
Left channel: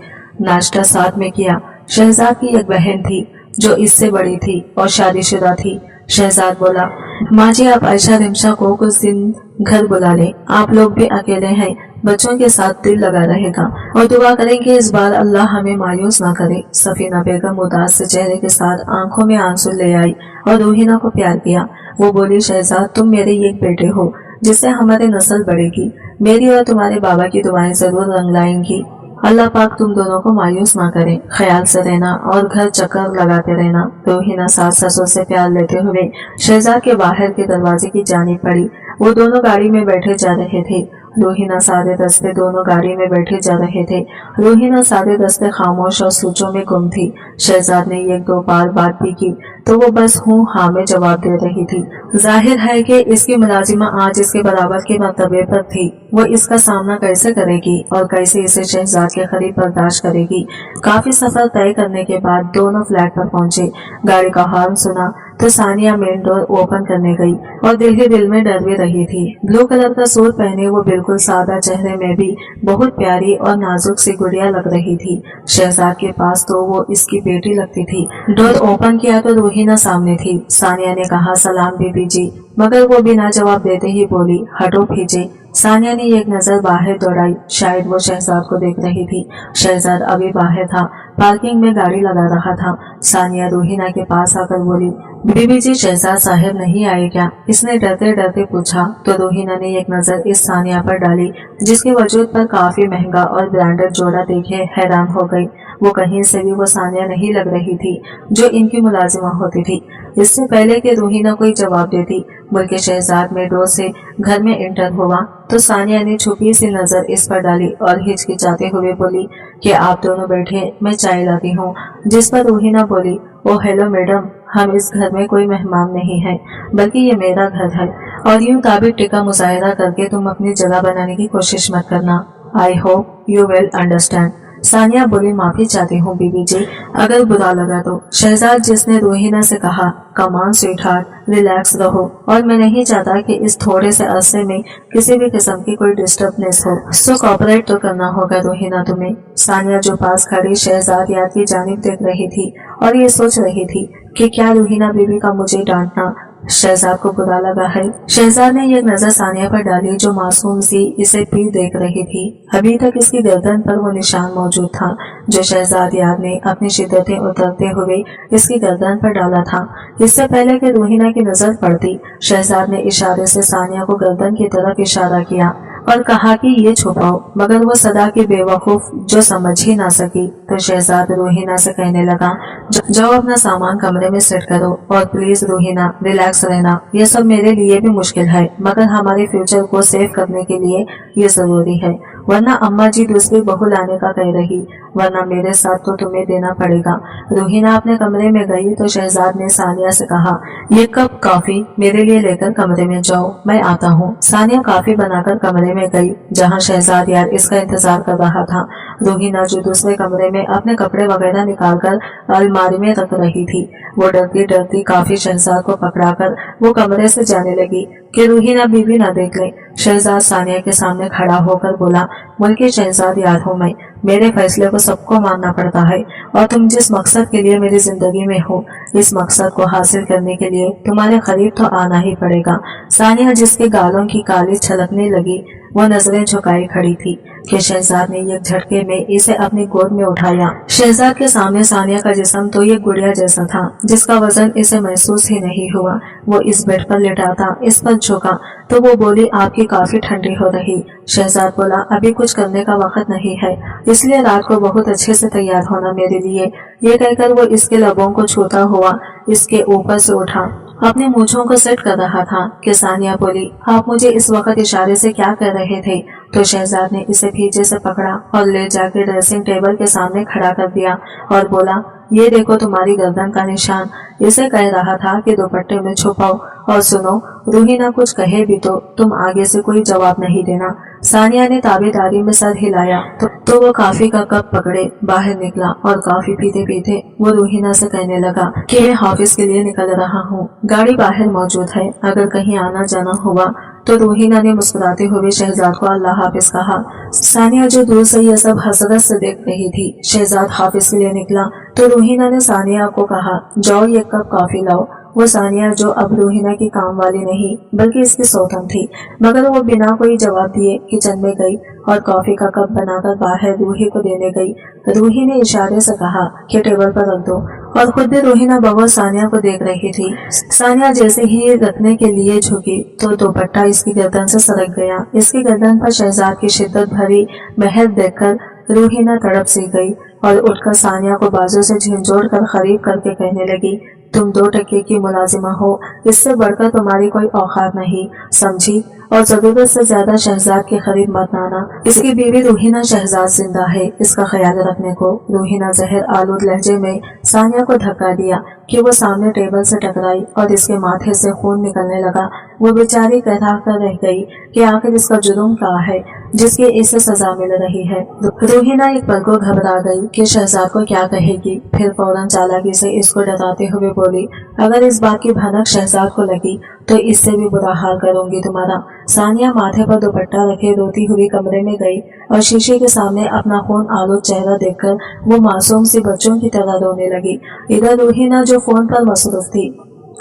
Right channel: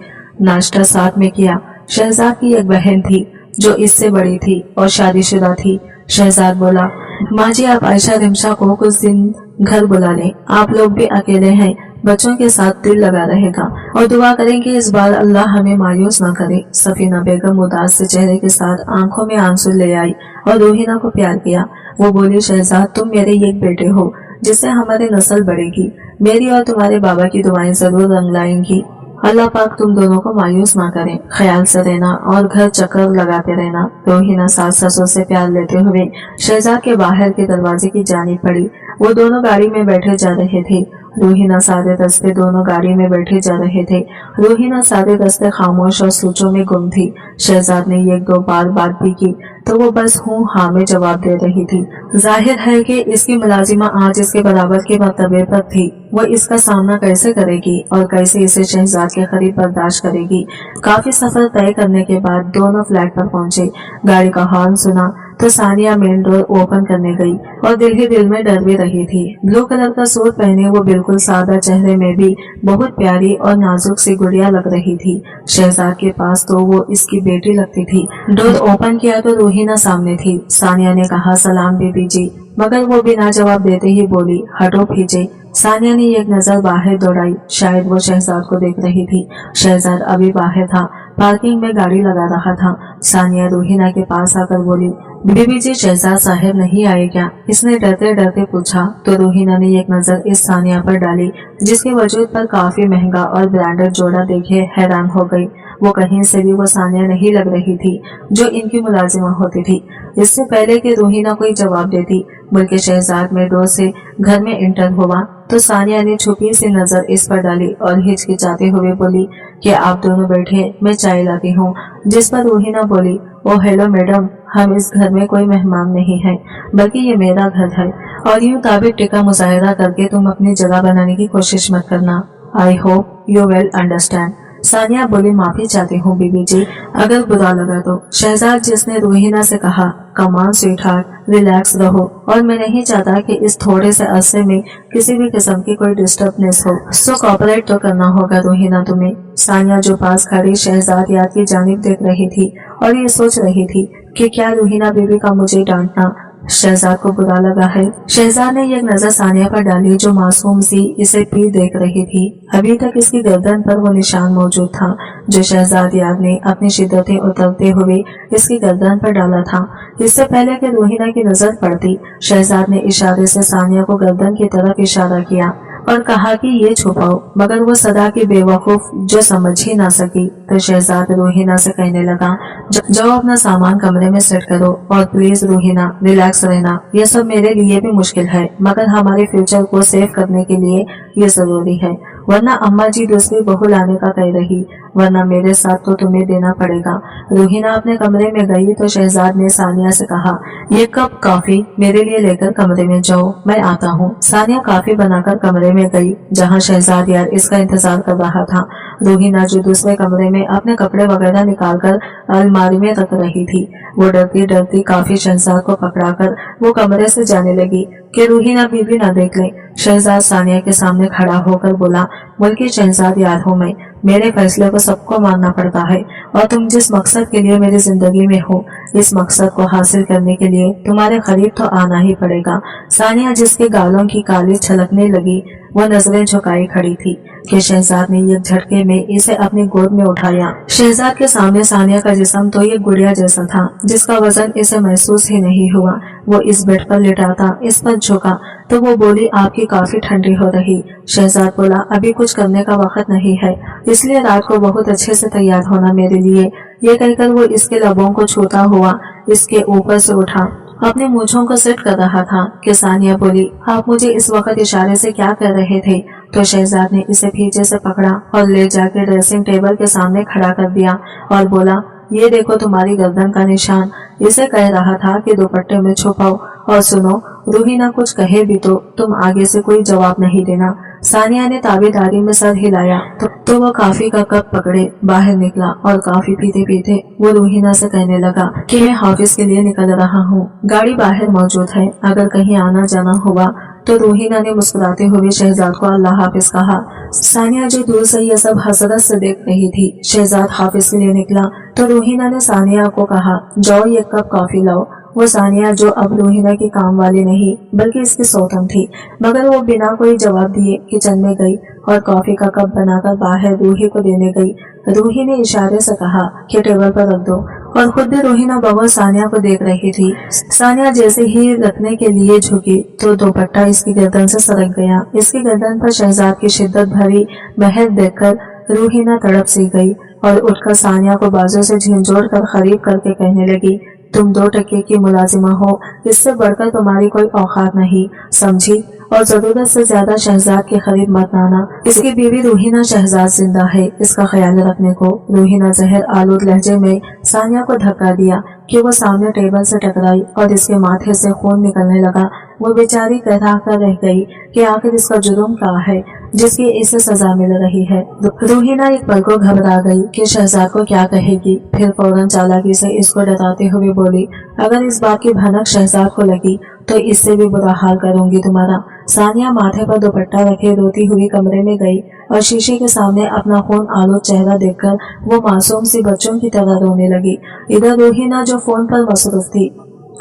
नाश्ता साथ में किया। शहजाद की एक बहन थी जो इससे बड़ी थी और शादीशुदा थी। शहजाद बोला, माँ जी आप आयशा रिमशा को कुछ दिन घर बुला लें, आप लोग भी अकेले हैं, बच्चों के साथ दिल लगा रहेगा और दुआ करेंगे इस बार अल्लाह हमें मायूस ना करे। सफीना बेगम उदास से चेहरे के साथ आंखों में आंसू ले आई और रोहिना को प्यार किया। वो बोली, शहजाद तुम मेरे एक बेटे हो जिससे हमारी नस्ल बढ़ेगी, मेरी और तुम्हारे बाबा की दुआएं जरूर रंग लाएंगी। अल्लाह पाक तुम दोनों को मायूस ना करे, ख्याल से रहना और घर चक्कर लगाते रहना। रोहिना सास ससुर से प्यार लेते हुए शहजाद के बाहर के दरवाजे की जानिब पड़ी। वो दोनों गाड़ी में बैठे जा रहे थे। रोहिना सारे रास्ते दोनों गाड़ी में बैठे जा रहे थे। रोहिना सारे रास्ते खामोश और सोचों में गुम थी। शहजाद ने एक दो बार बात भी की तो वो बस हूँ हाँ में जवाब दे रही थी। जाहिर है कि इसकी मुलाजिमा आज इसके बराबर के मर्तबे पर थी। वो इसका सामना कैसे करेगी और कैसे इसे शहजाद के करीब बर्दाश्त करेगी। काफी सफर तय करने के बाद दोनों फ्लैट पर पहुंचे। गाड़ी का हॉर्न सुना तो सानिया मेन डोर ओपन करने गई और दिल ही दिल में डर भी रही थी। ब्लू कलर का सूट पहने वो बिल्कुल सादा, चेहरे में भी बहुत प्यारी और नाजुक सी गुड़िया लग रही थी। शहजाद के पास तो वो इसकी बेटी लगती थी। डोर ओपन किया तो रोहिना सामने थी। सानिया ने कहा, सलाम बीबी जी, मगर वो बिना जवाब देते ही बोली, हटो पीछे। सानिया ने एक नजर बाहर दौड़ाई, शायद वो शहजाद को देख रही थी। शहजाद अभी बाहर था, पार्किंग में गाड़ी लगा रहा था। सानिया रोहिना के पास आकर बोली, बीबी जी शहजाद साहब नहीं आए क्या? इसने डरते डरते पूछा तो रोहिना ने एक नजर इस सानिया पर डाली, जिसके वजूद पर काफी महंगा और ब्रांडेड जोड़ा देखे हैरान हो गई। वो कहीं से भी वो सानिया नहीं लग रही थी जो इनकी मुलाजिमा होती थी। इससे पहले कि रूहीना कोई जवाब देती, मुल्क शहजाद में डोर से घर में इंटर हुआ तो सानिया ने छुपी सी नजर इस पर डाली और हिचकिचाते हुए बोली कि आप दोनों बैठे, मैं चाय लाती हूँ। जिस पर रूहीना बोली, ओ हेलो मैडम, हम इस घर में कोई मेहमान नहीं है, बल्कि ये मेरा घर है, और यूं ताबिक टिका मुजाहिरा करके तुम अपनी जगह बनाने की कोशिश मत करना। I hope you will understand. Sania बोली, माफी चाहती हूँ बीबी जी, अगर बुरा लगा तो। शहजाद जिसने रूहीना से कहा, कमान स्वीटहार्ट, रिलैक्स रहो, और मैं नहीं चाहता कि इस थोड़े से अरसे में किसी भी किस्म की कोई डिस्टर्बनेस हो, सो कॉपरेट तो करना होगा रूहीना तुम्हें। सानिया जो पास खड़ी शहजाद याद की जानिब देख रही थी और ये सोच रही थी कि क्या रूहीना बीबी का मुझे डांटना शहजाद को बुरा लगा है। शहजाद ने एक नजर सानिया पर डाली जो मासूम सी इसे पीर देख रही थी। अभी तक इसकी गर्दन पर वो निशान मौजूद था जो शहजाद याद ने अपनी शिद्दतें उतरते हुए इसकी गर्दन पर डाला था। इससे पहले कि रूहीना की नजर पड़ती, शहजाद ने इशारे से सानिया को गर्दन की तरफ इशारा किया और कहा कि ये छुपाओ, मगर वो सदा की बेवकूफ जो समझ ही ना सकी तो शहजाद रूहीना से कहने लगा, जाओ अपना सामान कमरे में सेट करो और प्लीज रूहीना रिलैक्स रहना। ये सब मेरे लिए भी मुश्किल है, मगर हमारे फ्यूचर को सेव करने के लिए ये जरूरी है, वरना अम्मा जी दूसरी बहू लाने का कह रही, वरना मेरे साथ तो तुम्हें देना पड़ेगा। रूहीना अपने कमरे में गई तो शहजाद ने सानिया से कहा, ये कप कॉफी मेरे लिए लेकर कमरे में जाओ, मैं आता हूँ। सानिया कॉफी बनाकर कमरे में गई जहाँ शहजाद यार इसका इंतजार कर रहा था। रूहीना जो दूसरे कमरे में अपने कपड़े वगैरह निकालकर अलमारी में रख रही थी, वो डरती डरती काफी शहजाद को पकड़ाकर वो कमरे से जाने लगी कि रूहीना बीबी ना देख ले। शहजाद सानिया के सामने खड़ा होकर बोला, मुल्की शहजाद यार हूँ मैं, मेरे फैसले को सबको मानना पड़ता है, और तुम जिस मकसद के लिए मेरी जिंदगी में हो, इस मकसद को हासिल करने के लिए तुम्हारे करीब तो आना ही पड़ेगा। सानिया जिसके गालों की काली छलकने लगी वो नजरें झुकाई खड़ी थी कि शहजाद ने एक झटके में इसे अपनी गोद में उठाया। शहजाद के सामने सानिया का जिस्म तो एक गुड़िया जैसा था जिसका वजन इसे महसूस ही नहीं हुआ। वो इस बेड पर लेटाता इस पर झुका तो वो बोली, आपकी काफी ठंडी हो रही। शहजाद बोला, अभी कुछ करने का वक्त नहीं है, इसलिए रात को बहुत अच्छे से तैयार होना मेरे लिए। ये कहकर वो इसके लबों को छूता हुआ इसके ऊपर से उठा, अपने मूंछों को सेट कर रहा था कि सानिया बोली, आप मुझे इस वक्त इशारे से क्या कर रहे थे? तो शहजाद ने इसे पीछे से पकड़ा और ले जाकर ड्रेसिंग टेबल के सामने खड़ा कर दिया और बोला, ये देखो तुम्हारी गर्दन का निशान। इसे कह रहा था कि दुपट्टे में छुपाओ, और सुनो रूहीना कुछ कहे भी तो तुम आगे से कोई जवाब नहीं देना। सानिया ने ताबेदारी में सर हिलाया तो वो कॉफी का कप पकड़े बाहर निकला और कॉफी पीते पीते वो रूहीना से कहने लगा कि मैं ऑफिस के लिए निकल रहा हूँ, गाड़ी बाहर मौजूद है, अगर कहीं आना जाना हुआ तो। रूहीना ने मुस्कुराते हुए शहजाद को अल्लाह हाफिज कहा। सानिया जो दूर से यह सब हसरत से देख रही थी। शहजाद ऑफिस के लिए निकला तो रूहीना ने सानिया को कहा, जाओ एक कप कॉफी लाओ। वो सानिया जो अब रूहीना की काम वाली नहीं बल्कि इसकी सौतन थी, मगर वो बिना कोई जवाब दिए किचन में गई और कॉफी का कप बनाकर बाहर रूही को देने गई। रूही ने इशारे से कहा कि टेबल पर रख दो, और खुद भी रूहीना बगौर सानिया को देख रही थी। सानिया जैसे ही रखने के लिए झुकी तो दुपट्टा इसकी गर्दन से सरक गया। इसकी गर्दन पर शहजाद की शिद्दत भरी महर देखकर रूहीना तड़प सी गई और उठकर सानिया को बाजू से झिंझोड़ कर करीब करके कहने लगी, तुम 2 टके की मुलाजिमा हो, इससे बढ़कर तुम्हारी कोई औकात नहीं, समझी? और जरूरत से ज्यादा शहजाद के करीब मत आना। इसकी बीवी रूहीना शहजाद जिंदा है, इसका ख्याल रखने को। रूहीना जहर आलूद लहजे में सानिया को धक्का दिया कि वो सामने टेबल से टकराई और इसके माथे से खून निकलने लगा। वो बेचारी कहरा कर रह गई कि आखिर इसका जुर्म क्या है जिसकी इसे सजा मिल रही है। रूहीना एक पल को घबरा गई कि शहजाद को क्या कहेगी, फिर फौरन चालाकी से इसको डराते हुए बोली, अगर इस बात की भनक शहजाद को लगी तो इससे भी बुरा हाल करूंगी तुम्हारा। सानिया माथे पर दुपट्टा रखे रोती हुई कमरे में गई और शीशे के सामने अपना खून आलूद चेहरा देखकर वो मासूम सी बच्चों की तरह रोने लगी। इधर रूहीना जो फोन पर मसरूफ थी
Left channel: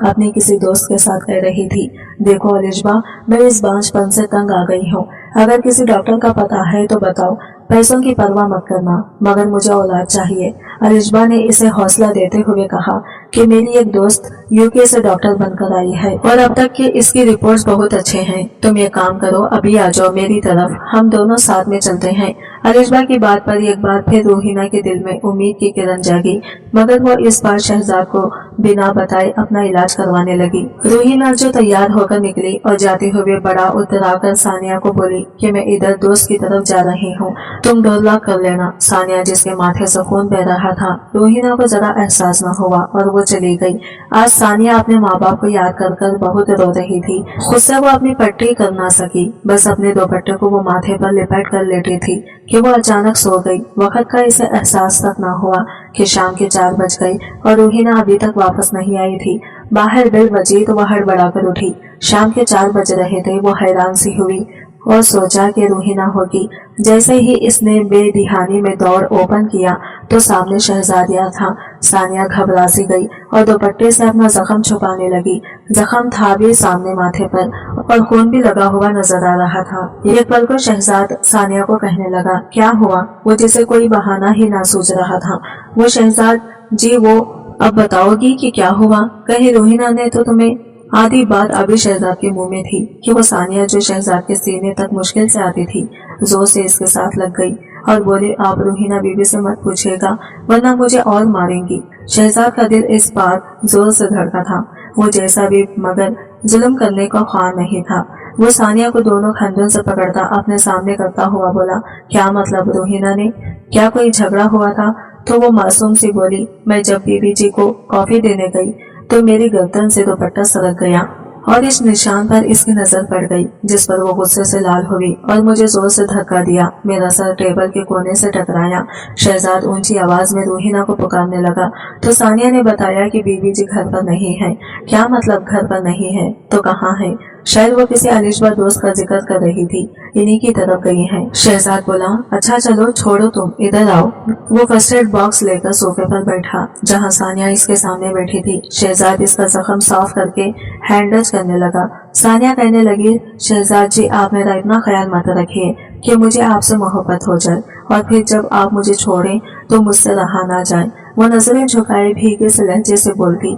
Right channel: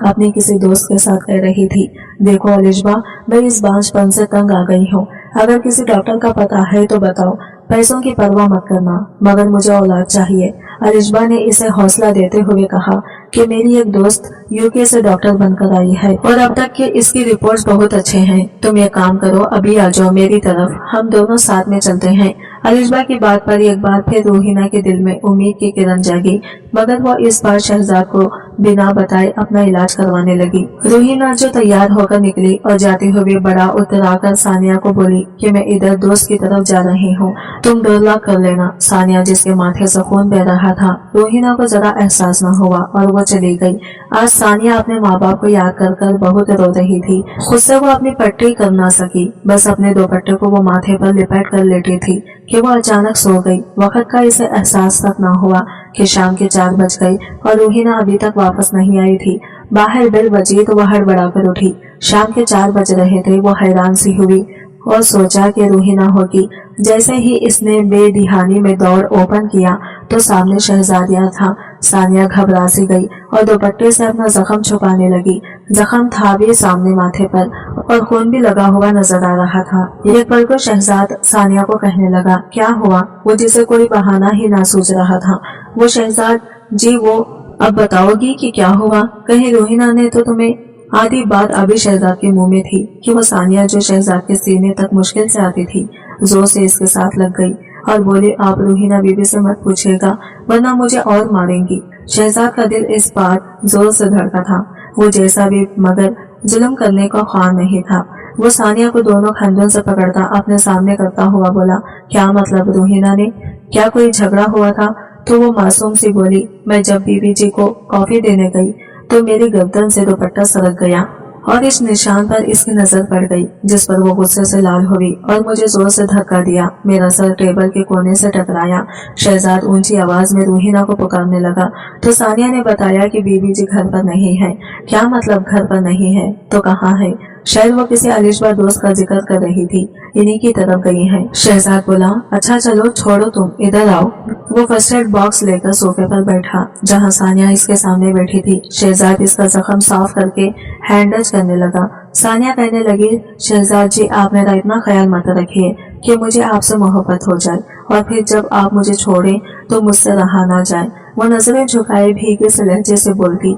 अपनी किसी दोस्त के साथ कह रही थी, देखो अलिशबा, मैं इस बांझपन से तंग आ गई हूँ, अगर किसी डॉक्टर का पता है तो बताओ, पैसों की परवाह मत करना, मगर मुझे औलाद चाहिए। अलिशबा ने इसे हौसला देते हुए कहा कि मेरी एक दोस्त यूके से डॉक्टर बनकर आई है और अब तक की इसकी रिपोर्ट्स बहुत अच्छे हैं। तुम ये काम करो, अभी आ जाओ मेरी तरफ, हम दोनों साथ में चलते हैं। अलिशबा की बात पर एक बार फिर रूहीना के दिल में उम्मीद की किरण जागी, मगर वो इस बार शहजाद को बिना बताए अपना इलाज करवाने लगी। रूहीना जो तैयार होकर निकली और जाते हुए बड़ा उतराकर सानिया को बोली कि मैं इधर दोस्त की तरफ जा रही हूँ, तुम डोर लॉक कर लेना। सानिया जिसके माथे से खून बह रहा था, रूहीना को जरा एहसास न हुआ और वो चली गई। आज सानिया अपने माँ बाप को याद कर कर बहुत रो रही थी। खुद से वो अपनी पट्टी कर ना सकी, बस अपने दुपट्टे को वो माथे पर लिपट कर लेटी थी कि वो अचानक सो गई। वक्त का इसे एहसास तक न हुआ कि शाम के 4 बज गई और रूहीना अभी तक वापस नहीं आई थी। बाहर बेल बजी तो वह हड़बड़ा कर उठी। शाम के 4 बज रहे थे। वो हैरान सी हुई और सोचा कि रूहीना होगी। जैसे ही इसने बेदिहानी में दौर ओपन किया तो सामने शहजादिया था। सानिया घबरा सी गई और दुपट्टे से अपना जख्म छुपाने लगी। जख्म था भी सामने माथे पर और खून भी लगा हुआ नजर आ रहा था। एक पल को शहजाद सानिया को कहने लगा, क्या हुआ? वो जिसे कोई बहाना ही ना सूझ रहा था। वो शहजाद जी, वो अब बताओगी कि क्या हुआ? कहीं रूहीना ने तो तुम्हें? आधी बात अभी शहजाद के मुंह में थी कि वो सानिया जो शहजाद के सीने तक मुश्किल से आती थी, जोर से इसके साथ लग गई और बोली, आप रूहीना बीबी से मत पूछेगा वरना मुझे और मारेंगी। शहजाद का दिल इस बार जोर से धड़का था। वो जैसा भी मगर जुल्म करने का ख्वाह नहीं था। वो सानिया को दोनों खंडों से पकड़ता अपने सामने करता हुआ बोला, क्या मतलब रूहीना ने? क्या कोई झगड़ा हुआ था? तो वो मासूम सी बोली, मैं जब बीबी जी को कॉफी देने गई तो मेरी गर्दन से दुपट्टा सरक गया और इस निशान पर इसकी नजर पड़ गई, जिस पर वो गुस्से से लाल हुई और मुझे जोर से धक्का दिया। मेरा सर टेबल के कोने से टकराया। शहजाद ऊंची आवाज में रूहीना को पुकारने लगा तो सानिया ने बताया कि बीबी जी घर पर नहीं है। क्या मतलब घर पर नहीं है? तो कहाँ है? शायद वो किसी अलिशबा दोस्त का जिक्र कर रही थी, इन्हीं की तरफ गई है। शहजाद बोला, अच्छा चलो छोड़ो, तुम इधर आओ। वो फर्स्ट एड बॉक्स लेकर सोफे पर बैठा जहाँ सानिया इसके सामने बैठी थी। शहजाद इसका जख्म साफ करके हैंडज करने लगा। सानिया कहने लगी, शहजाद जी, आप मेरा इतना ख्याल मत रखिए कि मुझे आपसे मोहब्बत हो जाए और फिर जब आप मुझे छोड़ें तो मुझसे रहा ना जाए। वो नजरें झुकाए भीगे से लहजे से बोलती।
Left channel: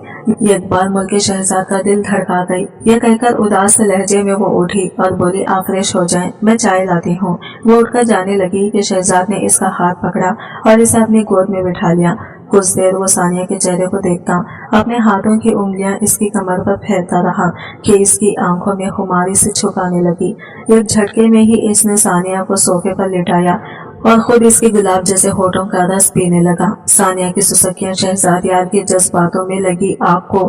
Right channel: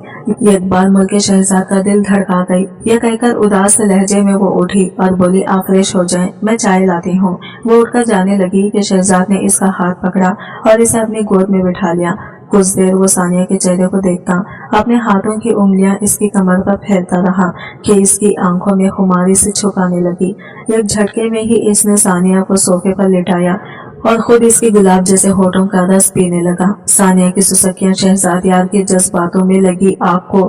एक बार मुल्क शहजाद का दिल धड़का गई। यह कहकर उदास लहजे में वो उठी और बोली, आप फ्रेश हो जाएं, मैं चाय लाती हूँ। वो उठकर जाने लगी कि शहजाद ने इसका हाथ पकड़ा और इसे अपनी गोद में बिठा लिया। कुछ देर वो सानिया के चेहरे को देखता, अपने हाथों की उंगलियां इसकी कमर पर फेरता रहा कि इसकी आंखों में खुमारी से छुपाने लगी। एक झटके में ही इसने सानिया को सोफे पर लिटाया और खुद इसके गुलाब जैसे होठों का रस पीने लगा। सानिया की सुसक्कियां शहजाद यार के जज्बातों में लगी आग को